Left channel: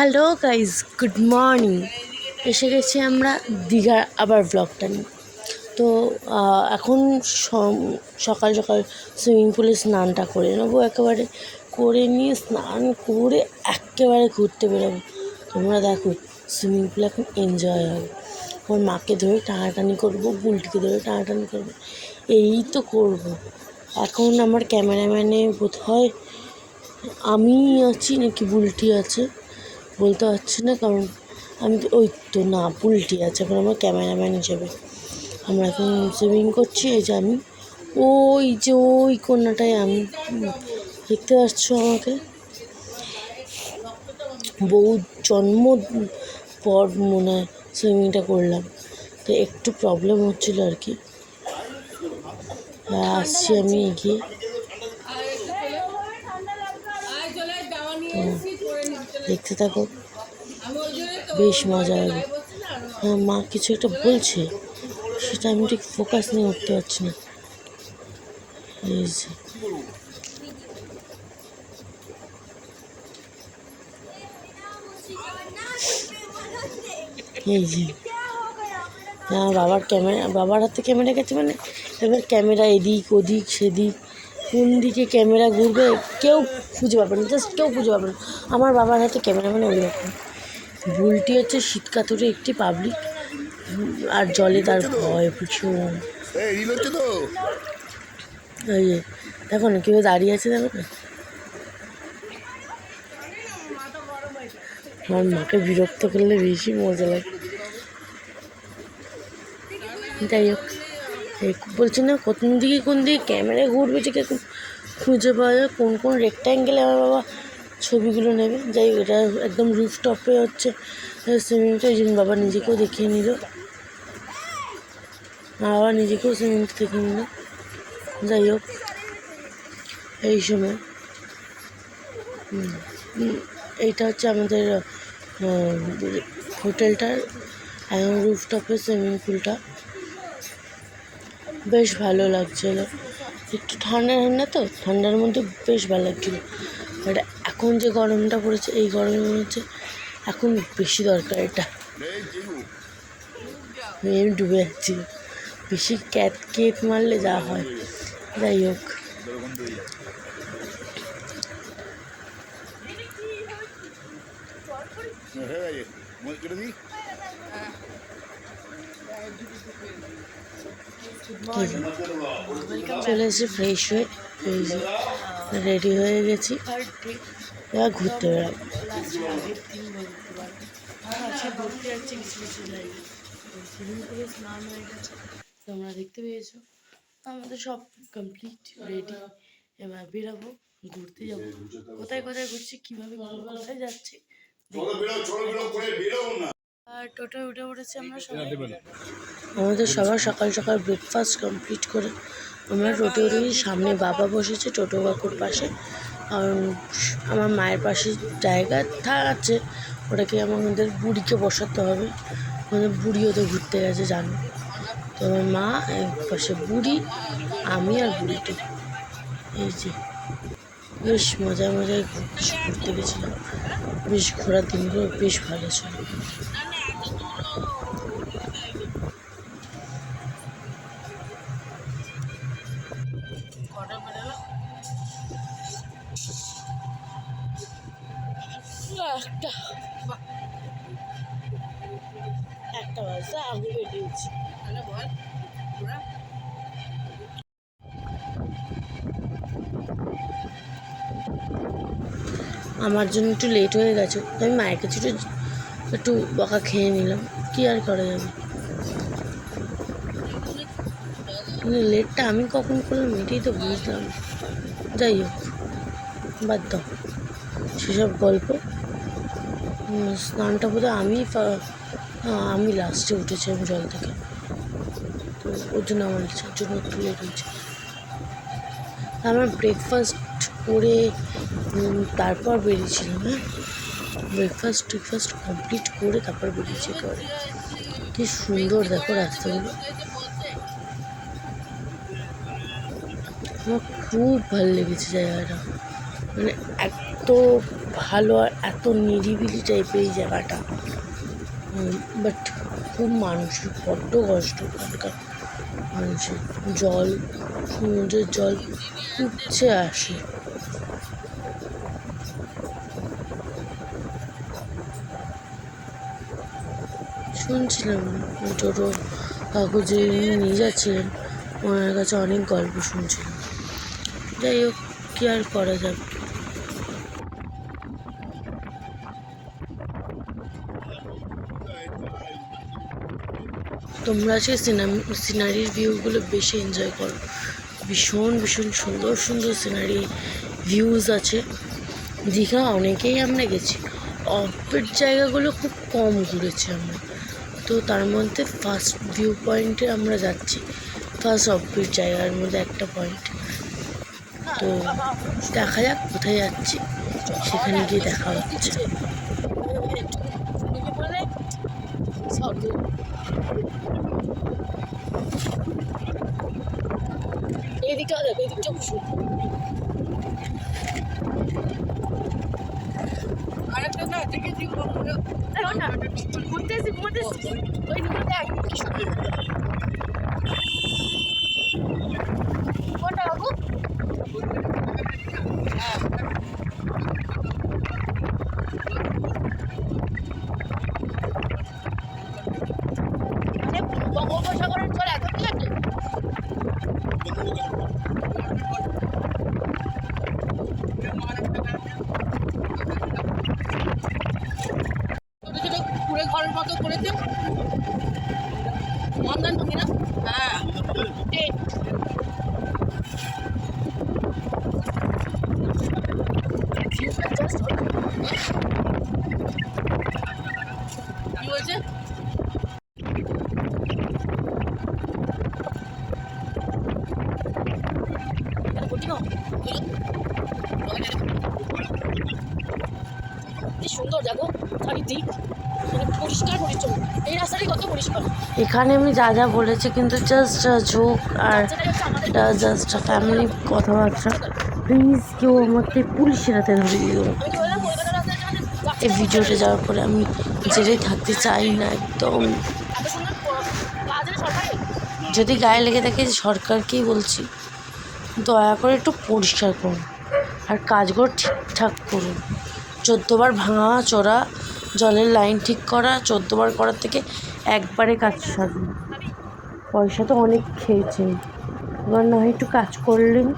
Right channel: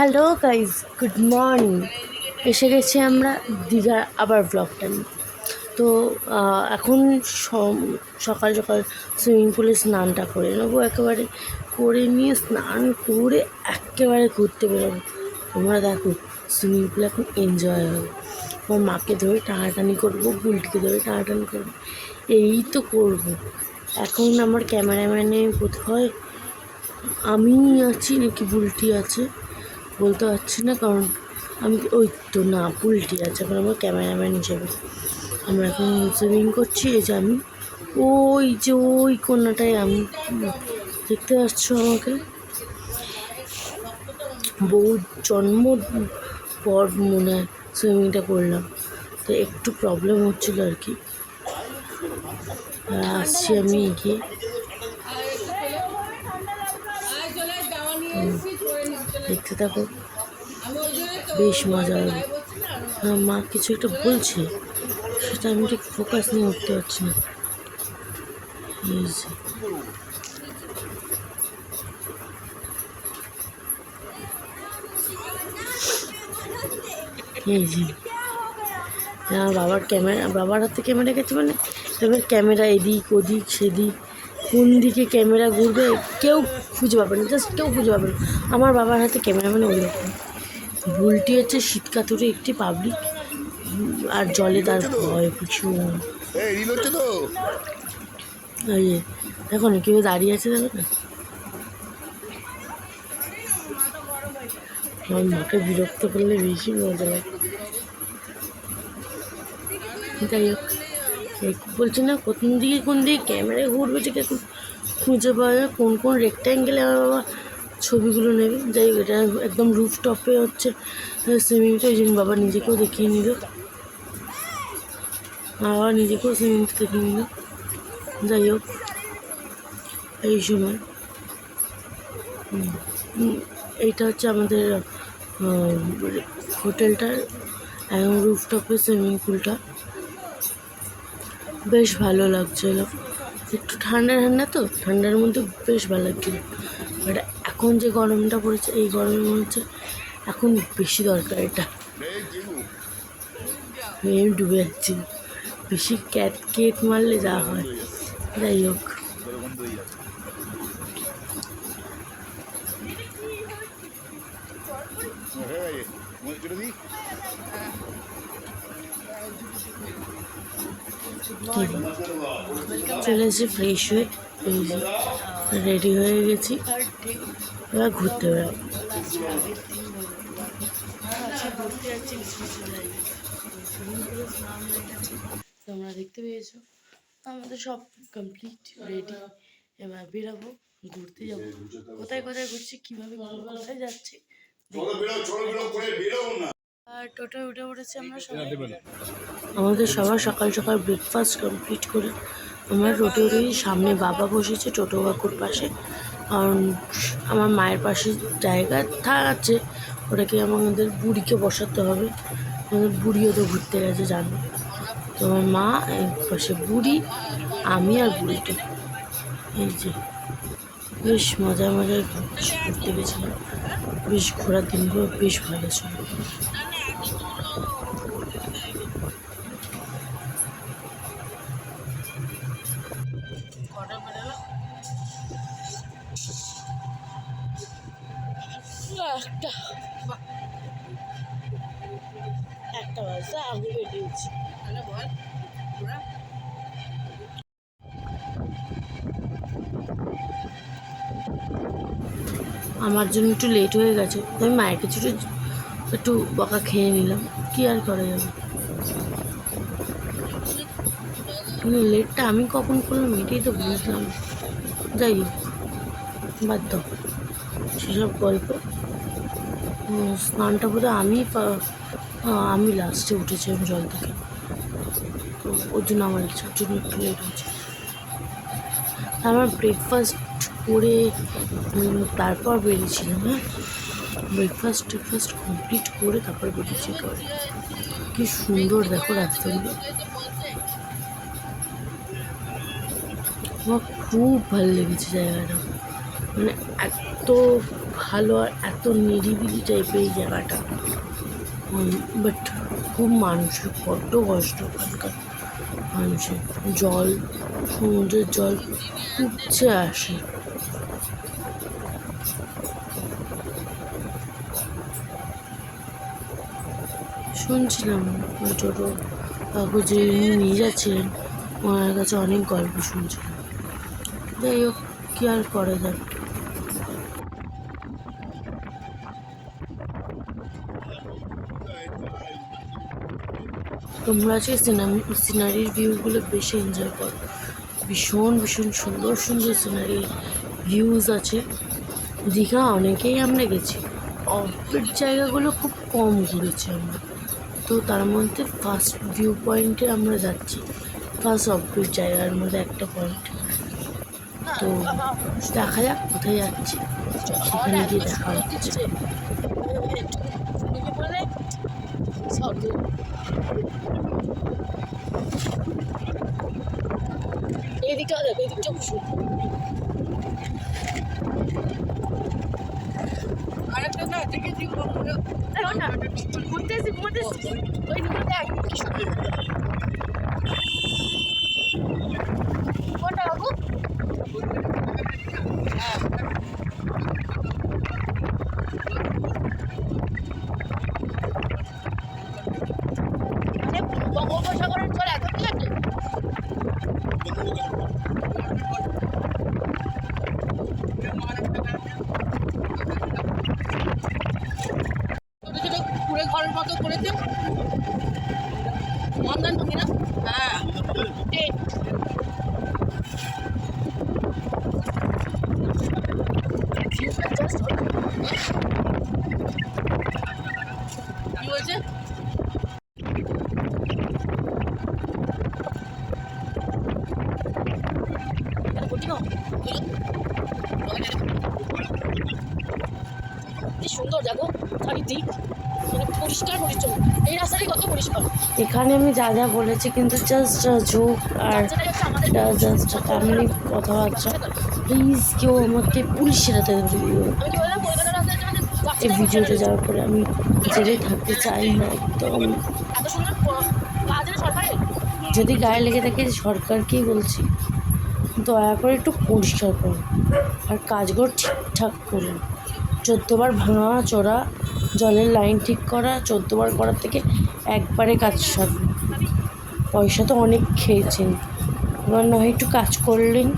Hello guys, good morning. এসে গেছি আমরা দীঘার আবার ব্লগটা নিয়ে। তো এখন সকাল সকাল সুইমিং পুলে স্নানটা করে নেবো, একেবারে করে নিয়ে স্নান করে একেবারে ঘুরতে বেরোবো। তোমরা দেখো, সুইমিং পুলে এখন এনজয় হবে। আমার মাকে ধরে টানাটানি করবো, বুলটিকে ধরে টানাটানি করবো, এই তো করবো। এখন আমার ক্যামেরাম্যানে বোধ হয় আমি আছি নাকি বুলটি আছে বলতে পারছি না, কারণ আমি ওই তো না, বুলটি আছে এখন আমার ক্যামেরাম্যান হিসেবে। আমরা এখন সুইমিং করছি। এই যে আমি ওই কোনাটায় আমি, দেখতে পাচ্ছ আমাকে, বহু জন্ম পর মনে হয় সুইমিংটা করলাম, তো একটু প্রবলেম হচ্ছিলো আর কি। আসছি আমি এগিয়ে। দেখতে থাকো, বেশ মজা হবে। মা কিছু একটা বলছে, সেটা আমি ঠিক ফোকাস নিয়ে উঠতে পারছি না। এই যে বাবার হাতে ক্যামেরা গেছে, মানে এবার ক্যামেরা এদিক ওদিক সেদিক, কোন দিকে ক্যামেরা ঘুরবে কেউ খুঁজে পাবে না, জাস্ট কেউ খুঁজে পাবে না। আমার বাবার হাতে ক্যামেরা মানে ওইরকম। বুলটি হচ্ছে শীতকাতরে একটি পাবলিক, আর জলে তার ভয় ভীষণ। এই যে দেখো না কেউ দাঁড়িয়ে আছে, দেখো না। আমার মাকে বিরক্ত করলে বেশি মজা লাগে। যাই হোক, বলছি না কোন দিকে ক্যামেরায় ঘুরবে ঠিক এখন খুঁজে পাওয়া যায়, কোন রেক্ট্যাঙ্গেলে আমার বাবা ছবিগুলো নেবে। যাই হোক, এটা একদম রুফটপে হচ্ছে সুইমিংটা, এই জন্য বাবা নিজেকেও দেখিয়ে নিল, বাবা নিজেকেও সুইমিংটা দেখিয়ে নিল। যাই হোক, এই সময় এইটা হচ্ছে আমাদের হোটেলটার একদম রুফটপের সুইমিং পুলটা। বেশ ভালো লাগছিলো, একটু ঠান্ডা ঠান্ডা, তো ঠান্ডার মধ্যে বেশ ভালো লাগছিলো। আর এখন যে গরমটা পড়েছে, এই গরমে মনে হচ্ছে এখন বেশি দরকার এটা। আমি ডুবে যাচ্ছি, বেশি কেট মারলে যা হয়। যাই হোক, চলে এসে ফ্রেশ হয়ে রেডি হয়ে গেছি, এবার ঘুরতে বেরোয়। তোমরা দেখতে পেয়েছো, আমাদের সব কমপ্লিট রেডি, এবার বেরোবো, ঘুরতে যাবো। কোথায় ঘুরছি, কীভাবে কোথায় যাচ্ছি, আর টোটোয় উঠে পড়েছি আমরা সবাই। আমাদের সবার সকাল সকাল ব্রেকফাস্ট কমপ্লিট করে আমরা টোটোর সামনে বাবা বসেছে, টোটো কাকুর পাশে, কারণ আমার মায়ের পাশে জায়গা আছে, ওটাকে আমাদের বুড়িকে বসাতে হবে, আমাদের বুড়ি ওদের ঘুরতে গেছে জানো তো। আমার মা এই পাশে, বুড়ি, আমি আর বুড়িটা। এই যে বেশ মজায় ঘুরতে গেছিলাম, বেশ ঘোরার দিনগুলো বেশ ভালো ছিল। একটা বাজে আগে বেরিয়েছি। আমার জন্য একটু লেট হয়ে গেছে, আমি মায়ের কাছে একটু বকা খেয়ে নিলাম, কি আর করা যাবে। লেটটা আমি কখন করলাম এটাই তো বুঝলাম। যাই হোক, বাদ দাও সেসব গল্প। স্নানটা বোধহয় আমি লাস্টে উঠেছিলাম জল থেকে, তো ওর জন্য আমার ইচ্ছার জন্য একটু লেট হয়েছে। আমার ব্রেকফাস্ট করে তারপর বেরিয়েছিলাম। হ্যাঁ, ব্রেকফাস্ট কমপ্লিট করে তারপর বেরিয়েছি। কি সুন্দর দেখো রাস্তাগুলো, আমার খুব ভালো লেগেছে জায়গাটা, মানে এত ভালো আর তো নিরিবিলি টাইপের এই জায়গাটা, বাট খুব মানুষের বড্ড কষ্ট ওখানকার মানুষের। জল, সমুদ্রের জল উপচে আসে। শুনছিলাম ছোটো কাকু যে নিয়ে যাচ্ছিলেন, ওনার কাছে অনেক গল্প শুনছিলাম। যাই হোক, কী আর করা যাবে। তোমরা আজকে সিনারির ভিউগুলো বেশি এনজয় করো। ভীষণ ভীষণ সুন্দর সুন্দর সিনারি ভিউজ আছে। দীঘা অনেকেই আমরা গেছি, অফবিট জায়গাগুলো খুব কম ঘুরেছি আমরা। তো তার মধ্যে ফার্স্ট ভিউ পয়েন্টে আমরা যাচ্ছি, ফার্স্ট অফবিট জায়গার মধ্যে একটা পয়েন্ট। তো দেখা যাক কোথায় যাচ্ছি, সেখানে গিয়ে দেখা হচ্ছে। এদিকটা দেখো, এদিকটা খুব সুন্দর। আরেকটা না দেখে ঘুরতে এসে ঘুরতে ওই দিকটা কি সুন্দর। কোনটা বাবু? বঙ্গোপসাগরের জল এত ঠিক আছে। কুড়ে ঘরের মতো করেছে মন্দান ভাঙে না। হ্যাঁ কি হয়েছে? কি সুন্দর দেখো চারিদিক, মানে পরিষ্কার পরিচ্ছন্ন। এই রাস্তাটি কত পরিষ্কার। এখানে আমি যা যা বলেছি কিন্তু জাস্ট ঝোঁক আর জাস্ট ফ্যামিলি কথাবার্তা। প্লিজ কেউ আমাকে পুলিশের হাতে ধরে দিও। এই ভিডিওটা যাওয়ার পরে আমি জেলে থাকতে চাই না একদম। যদি গায়ে লেগে থাকে সরকারকেই বলছি, দয়া করে একটু পরিষ্কার করুন আর কাজগুলো ঠিকঠাক করুন। 14 বার ভাঙা চোরা জলের লাইন ঠিক করা, 14 বার করার থেকে একবারে কাজ সারুন। পয়সা তো অনেক খেয়েছেন, এবার না হয় একটু কাজ করলেন।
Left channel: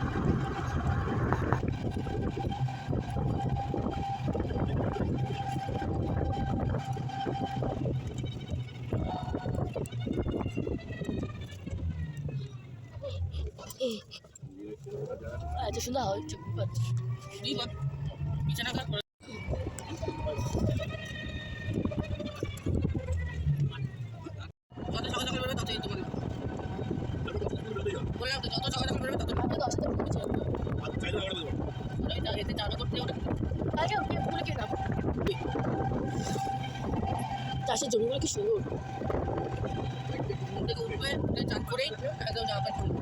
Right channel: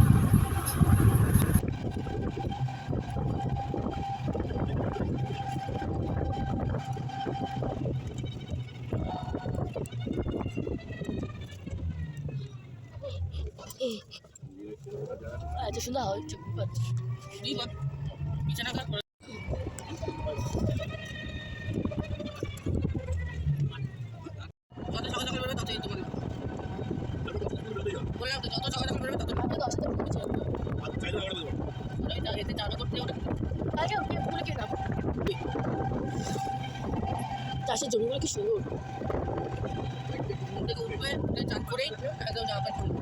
এত সুন্দর হয় বিছানা ঘর করে। যত সকাল সকাল বেরোবে ততই তোমাকে বললাম তো, যত সকাল সকাল বেরোবে তত ভালো। 10টা এতে চালু করতে ওটা আগে বলে কি নাম চাষের জমিগুলো কি সুন্দর। থেকে উঠবে চান করেই একদম জামা প্যান্ট খুলবে।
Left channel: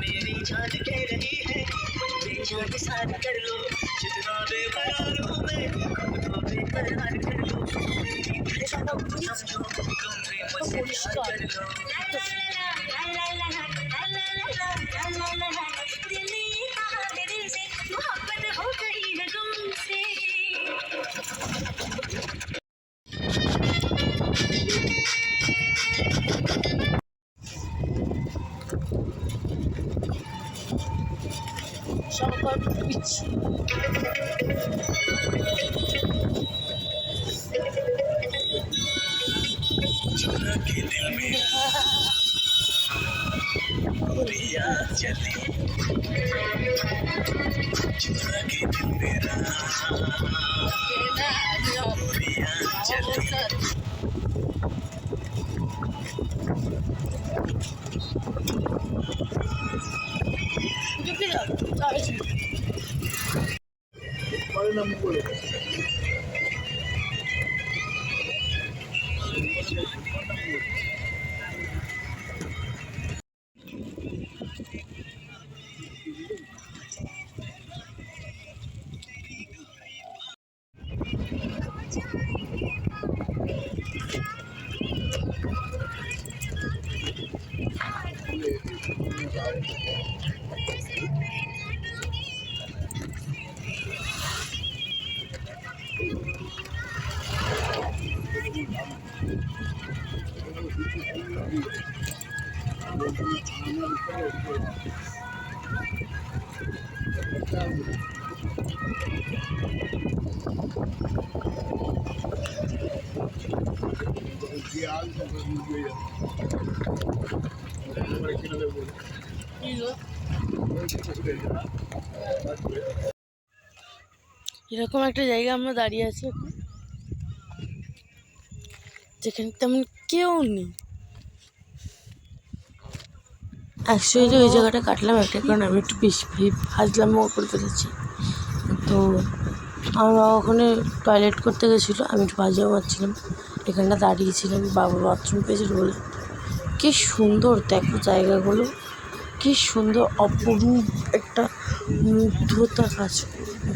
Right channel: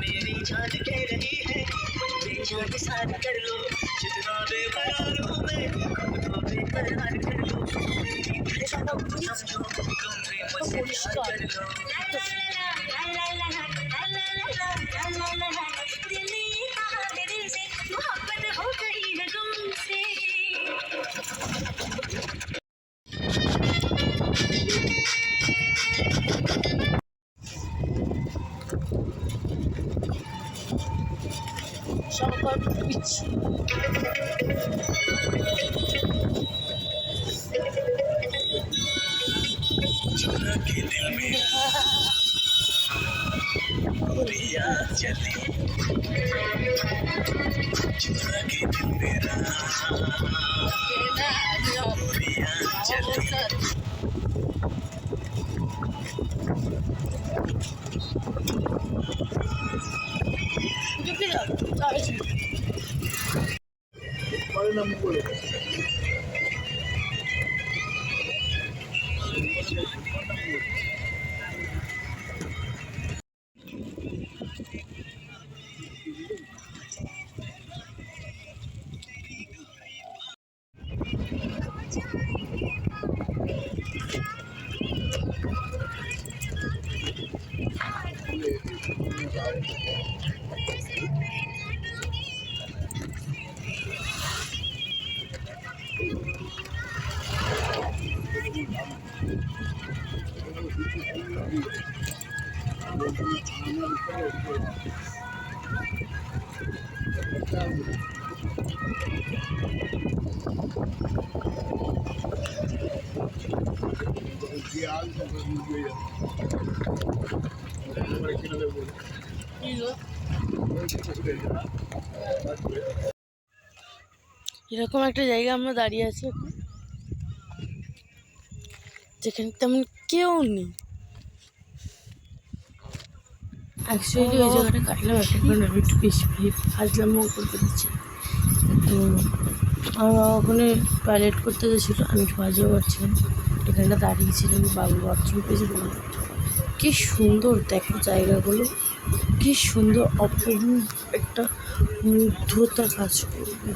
मेरी जान कह रही है बेजान साथ कर लो, जितना बेकरार हूँ मैं खुद को बेकरार कर लो, मेरी समझो तुम भी मुझसे प्यार कर लो। दिल শঙ্কর বিচ। এরকম একটা জায়গা আমরা দাঁড়িয়ে আছি এখন, যেখানে তেমন কেউ নেই। অ্যাকচুয়ালি ওই জায়গাটা কাটলাম একটা কারণ আমি একটু বেশি হাজলামও করে ফেলেছি। তো আমরা ওখানে টয়লেট করতে গেছিলো, আমি একটু বাজিয়ে মারছিলাম, এখানটা দাঁড়িয়েছিলাম, বাবা বাথরুম পেয়েছিল বলে। কী সুন্দর দেখো জায়গাগুলো, কী সুন্দর অপরূপ একটা মুগ্ধতা কাজ করবে।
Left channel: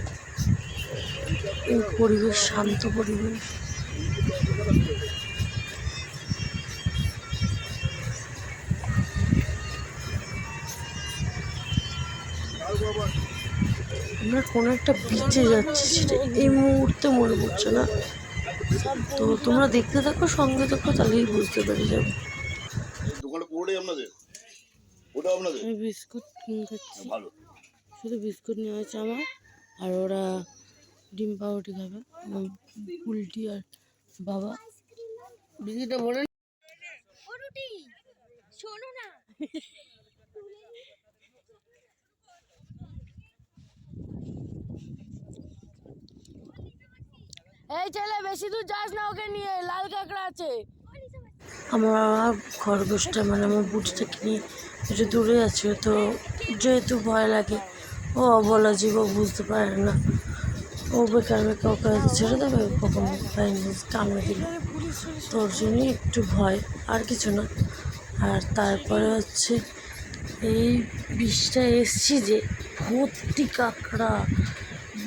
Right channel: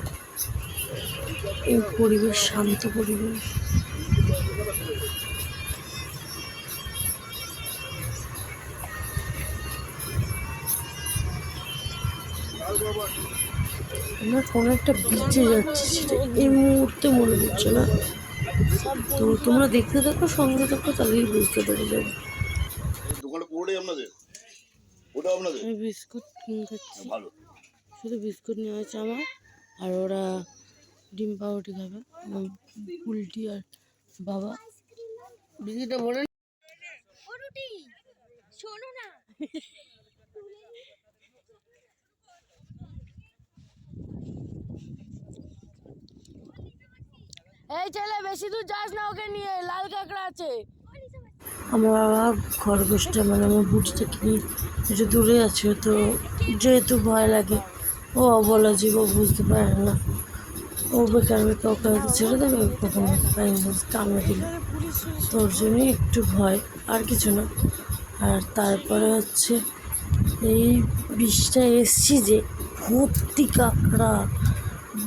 এই পরিবেশ, শান্ত পরিবেশ। আমরা কোনো একটা বিচে যাচ্ছি, সেটা এই মুহূর্তে মনে পড়ছে না। তো তোমরা দেখতে থাকো, সঙ্গে থাকো, তাহলেই বুঝতে পেরে যাবে। আমি বিস্কুট খাচ্ছি, শুধু বিস্কুট নেওয়া হয়েছে আমার, আর ওরা ডিম পাউরুটি খাবে, উল্টি আর বাবা। বিস্কুটটা বলে শোনো না। এই ছেলে বেশি দূর যাস না, ওকে নিয়ে লাল কাঁকড়া আছে। আমরা খরগোশটা মানে আমার বুটিটাকে নিয়ে একটু দূরে আছি, তো যেহেতু ভয় লাগে, ও বলা যে ও বুঝতে পারে না, ও বেকার বেকার ওখানে ছেড়ে দেবে, কখন কামড়ে দিলে, তোর জন্যই একটু ভয়, আর কিছু না। আর তারপরে হচ্ছে এই বিষটা এসছি যে ভর্তি কাঁকড়া,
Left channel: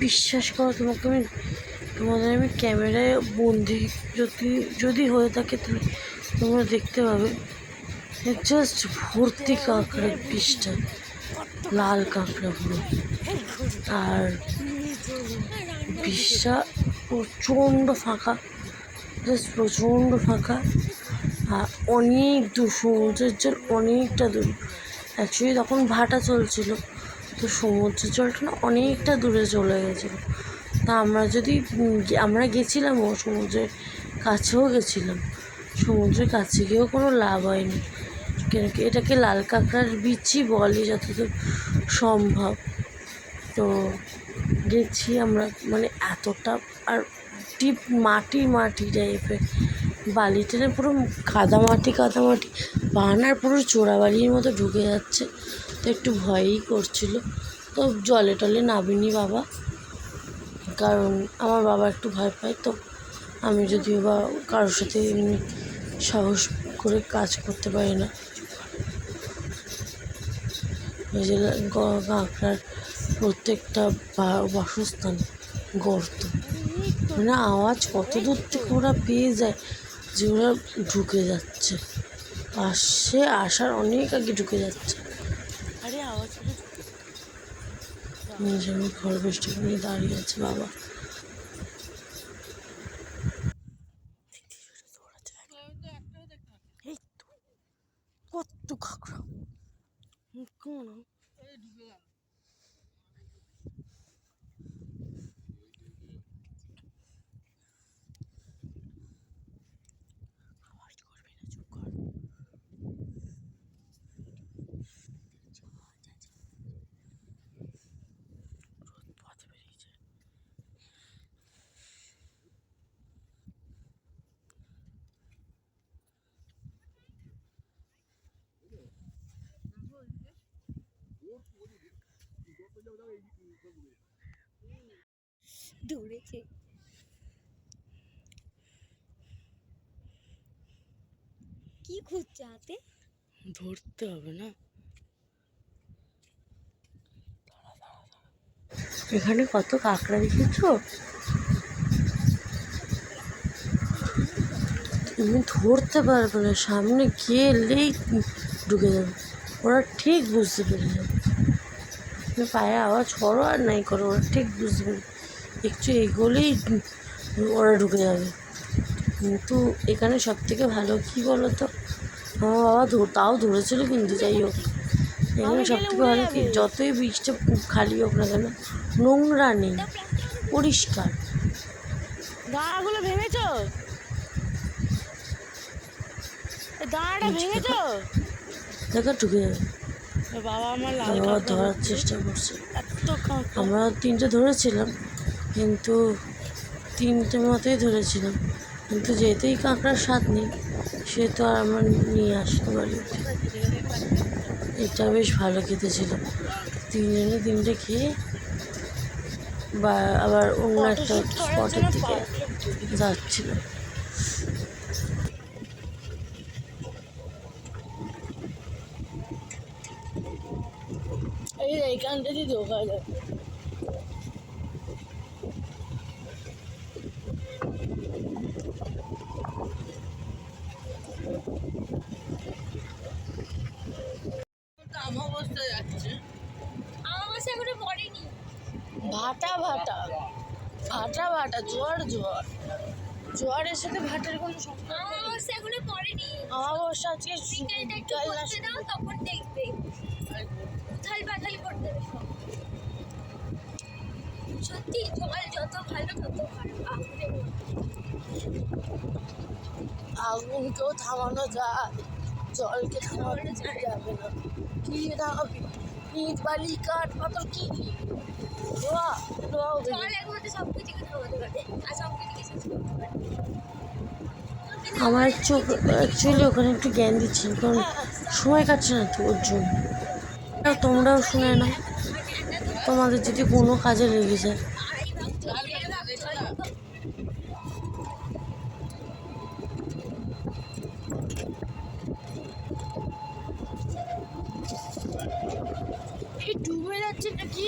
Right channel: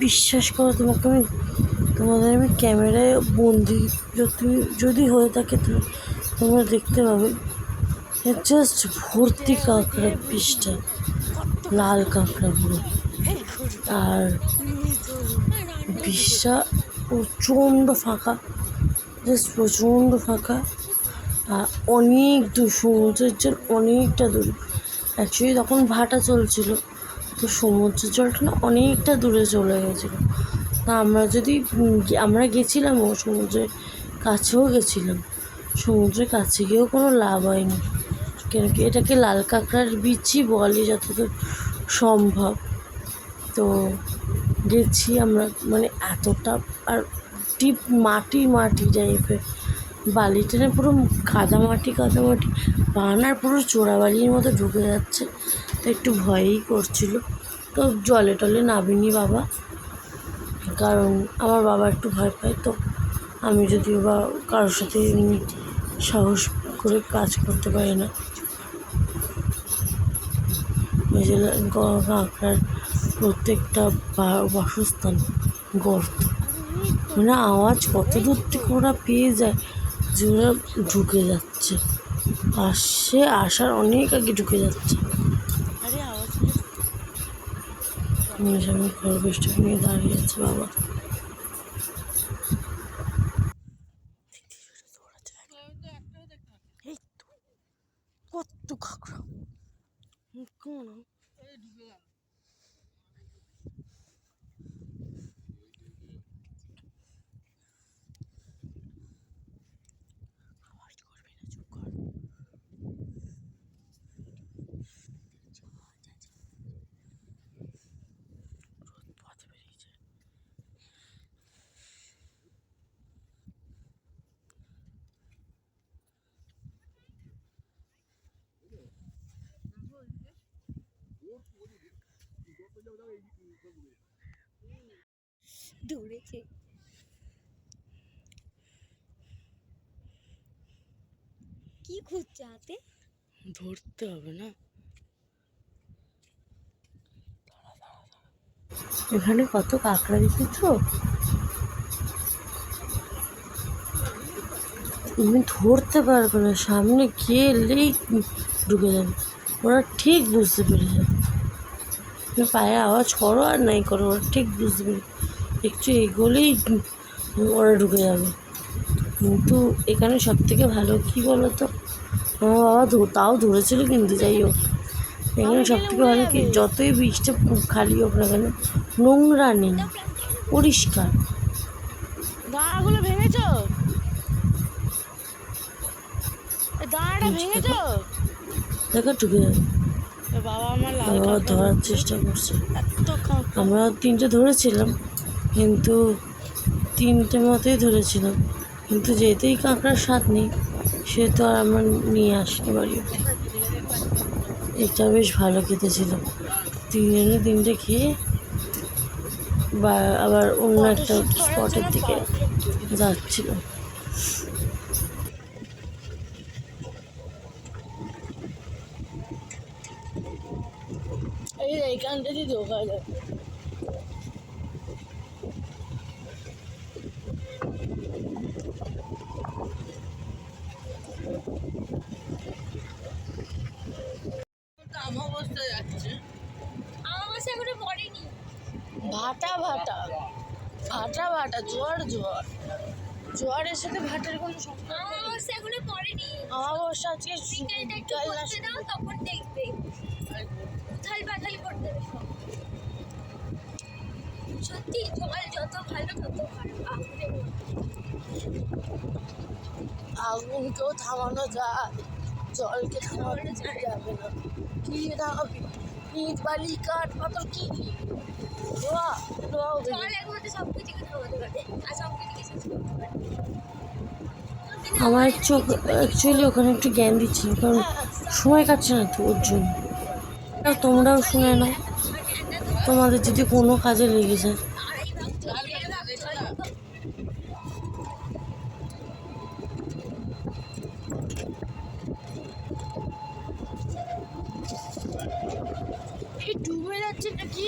বিশ্বাস করো তোমাদের আমি ক্যামেরায় বন্দি যদি হয়ে থাকে তোমরা দেখতে পাবে, জাস্ট ভর্তি কাঁকড়া, বিষটা লাল কাঁকড়া পুরো। আর বিষটা প্রচণ্ড ফাঁকা, জাস্ট প্রচণ্ড ফাঁকা, আর অনেক দূর, সমুদ্রের জল অনেকটা দূর। অ্যাকচুয়ালি তখন ভাটা চলছিল, তো সমুদ্রের জলটা না অনেকটা দূরে চলে গেছিলো। তা আমরা গেছিলাম, ও সমুদ্রের কাছেও গেছিলাম, সমুদ্রের কাছে গিয়েও কোনো লাভ হয়নি, কেন কি এটাকে লাল কাঁকড়ার বিচই বলে যতদূর সম্ভব। তো গেছি আমরা, মানে এতটা, আর ডিপ মাটি টাইপের, বালি টেনে পুরো কাদামাটি, বানার পুরো চোরাবাড়ির মতো ঢুকে যাচ্ছে, তো একটু ভয়ই করছিল। তো জলে টলে নামিনি বাবা, কারণ আমার বাবা একটু ভয় পায়, তো আমি যদিও বা কারোর সাথে এমনি সাহস করে কাজ করতে পারি না। ওই যে কাঁকড়ার প্রত্যেকটা বাসস্থান গর্ত, মানে আওয়াজ কত দূর থেকে ওরা পেয়ে যায় যে ওরা ঢুকে যাচ্ছে, আসার অনেক আগে ঢুকে যাচ্ছে। আরে আওয়াজ পেলে, খরগোশটাকে নিয়ে দাঁড়িয়ে আছে বাবা। কাঁকড়া কেমন আওয়াজ করবি না, চুপ কর। রোদ পথে বেরিয়েছে। দৌড়েছে। কি খুঁজছে হাতে? ধরতে হবে না। এখানে কত কাঁকড়া দেখেছো? তুমি ধরতে পারবে না, সামনে গেলেই ঢুকে যাবে, ওরা ঠিক বুঝতে পেরে যাবে। তুমি পায়ে আওয়াজ করো আর নাই করো, ওরা ঠিক বুঝতে পেরে একটু এগোলেই ওরা ঢুকে যাবে। কিন্তু এখানে সব থেকে ভালো কী বলো তো, আমার বাবা তাও ধরেছিল, কিন্তু যাই হোক এখানে সব থেকে ভালো কি, যতই বীজটা খালি হোক না কেন, নোংরা নেই, পরিষ্কার। দাঁড়াগুলো ভেঙেছ? দাঁড়াটা ভেঙেছ? দেখো ঢুকে যাবে। বাবা আমার লাল কাঁকড়া ধরার চেষ্টা করছে। এত কাঁকড়া আমরা 3টে ধরেছিলাম, কিন্তু 3টে মতেই ধরেছিলাম, কিন্তু যেতেই কাঁকড়ার স্বাদ নেই, সে তো আর আমার নিয়ে আসতে পারি। এটা বেশ ভালো খেতে ছিল, 3জনে 3টে খেয়ে বা আবার অন্য একটা স্পটের দিকে যাচ্ছিল। এইখানটা দিয়ে ঢোকা যায়। অবস্থায় যাচ্ছে, অবস্থা এখনো পড়েনি। ভাটা ভাটা ভাটা ভাটা, জোয়ার জোয়ার, জোয়ারের সাথে ভাটার কোনো সম্পর্ক নেই। অবস্থা এখনো পড়েনি। অমাবস্যা আজকে বিকেলটা একটু করতে দাও, তখন দেখবে উথাল পাথাল করে দেবে সব। সত্যি জল যত ভালো তত ভালো। আগুনকেও থামানো যায়, জলকে থামানো যাবে না। কি থামাবি? ইট বালি কাঠ পাথর কি লোহা লোহা জল একমাত্র সব কিছুকে থামাতে পারে, আর সব কিছুকে শেষ করতে পারে। আমার চোখ অ্যাকচুয়ালি ওখানে একটু জ্ঞান দিচ্ছি, কারণ সময় কাটছে না তো ওর জন্য। আর তোমরাও শুনে না, তোমাদের যদি কোনো কাজে লেগে যায়। ডুবে যাচ্ছে নাকি?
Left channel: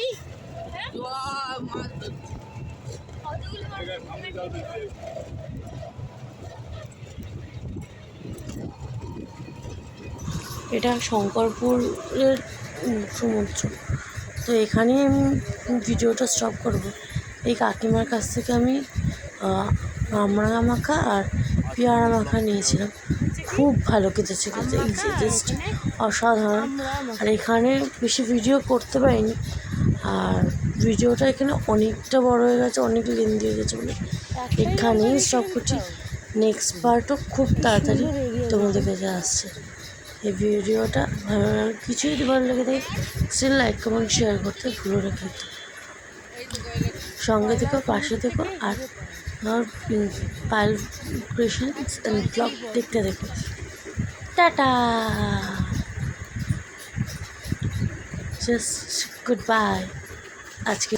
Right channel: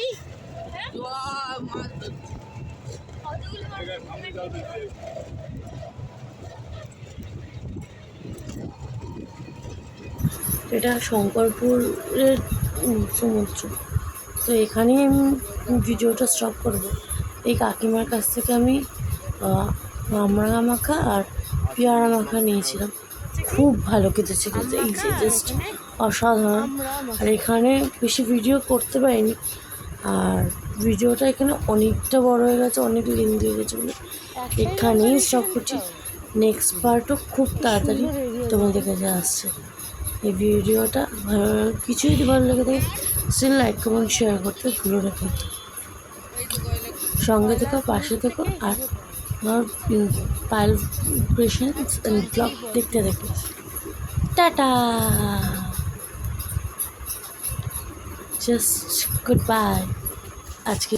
এটা শঙ্করপুরের সমুদ্র। তো এখানেই আমি ভিডিওটা স্টপ করবো। এই কাকিমার কাছ থেকে আমি আমড়া মাখা আর পেয়ারা মাখা নিয়েছিলাম, খুব ভালো খেতে ছিল, জাস্ট অসাধারণ। আর এখানে বেশি ভিডিও করতে পারিনি, আর ভিডিওটা এখানে অনেকটা বড় হয়ে গেছে, অনেক লেন্দি হয়ে গেছে বলে এখানেই স্টপ করছি। নেক্সট পার্টও খুব তাড়াতাড়ি তোমাদের কাছে আসছে। এই ভিডিওটা কিছু যদি ভালো লেগে থাকে সে লাইক কমেন্ট শেয়ার করতে ভুলো না কিন্তু। সঙ্গে থেকো, পাশে থেকো, আর আমার পায়েল ক্রিয়েশনস ব্লগ দেখতে দেখো। টাটা, জাস্ট গুড বাই আজকে।